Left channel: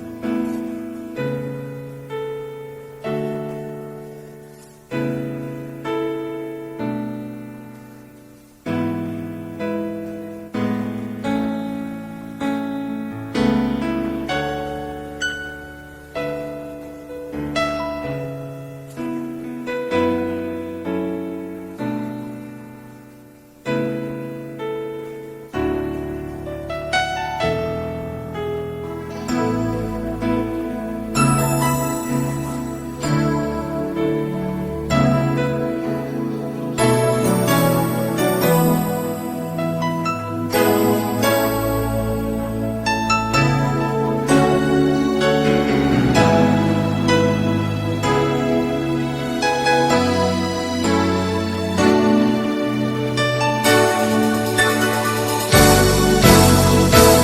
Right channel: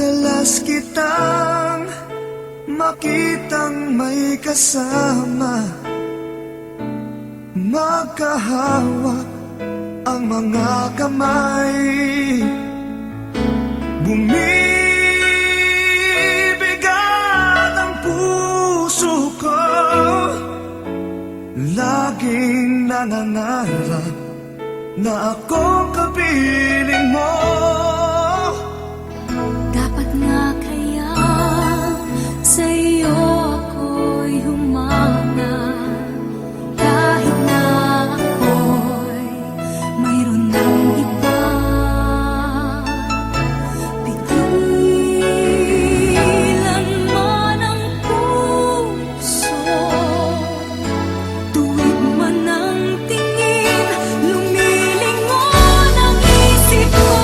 Madalas kitang makitang may kasama, magkahawak ang mga kamay. Bumibigat ang puso ko, laging nangangarap na akong kapiling mo. Dapat nga kaya sa'yo ako'y humanga, kahit na ako'y mayroon ng iba. Pigilan man ang puso, tuwid man ang tingin, lumilingon ang isip ko.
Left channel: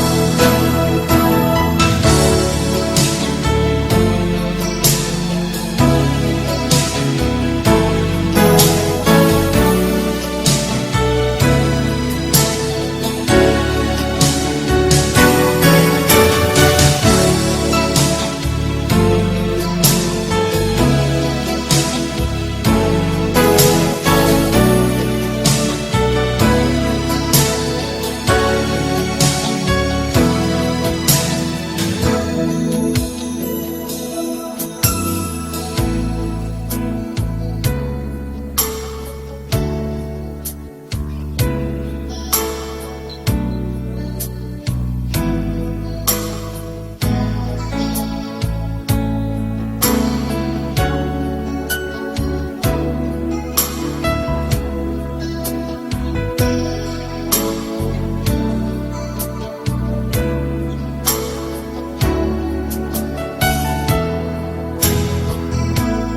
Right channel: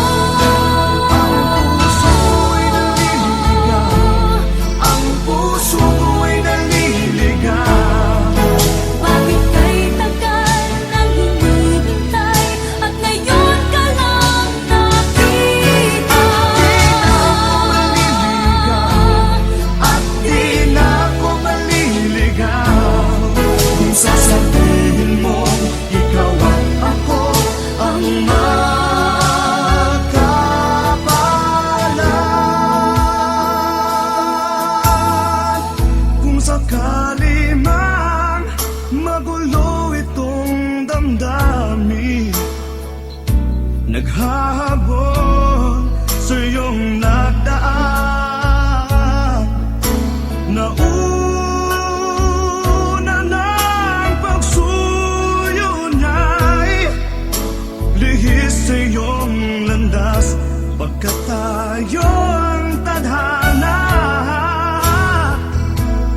Naghahabol sa iyong nagdaan, nauna ng pagsuyo niya'y lihis sa iyong landas, pagkat tayo ang tadhana.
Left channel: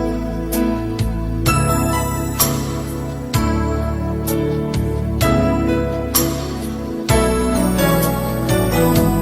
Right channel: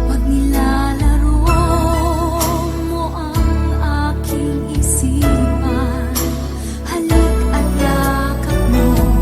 Pag nilalaro mo ang aking isipan, halik at yakap mo.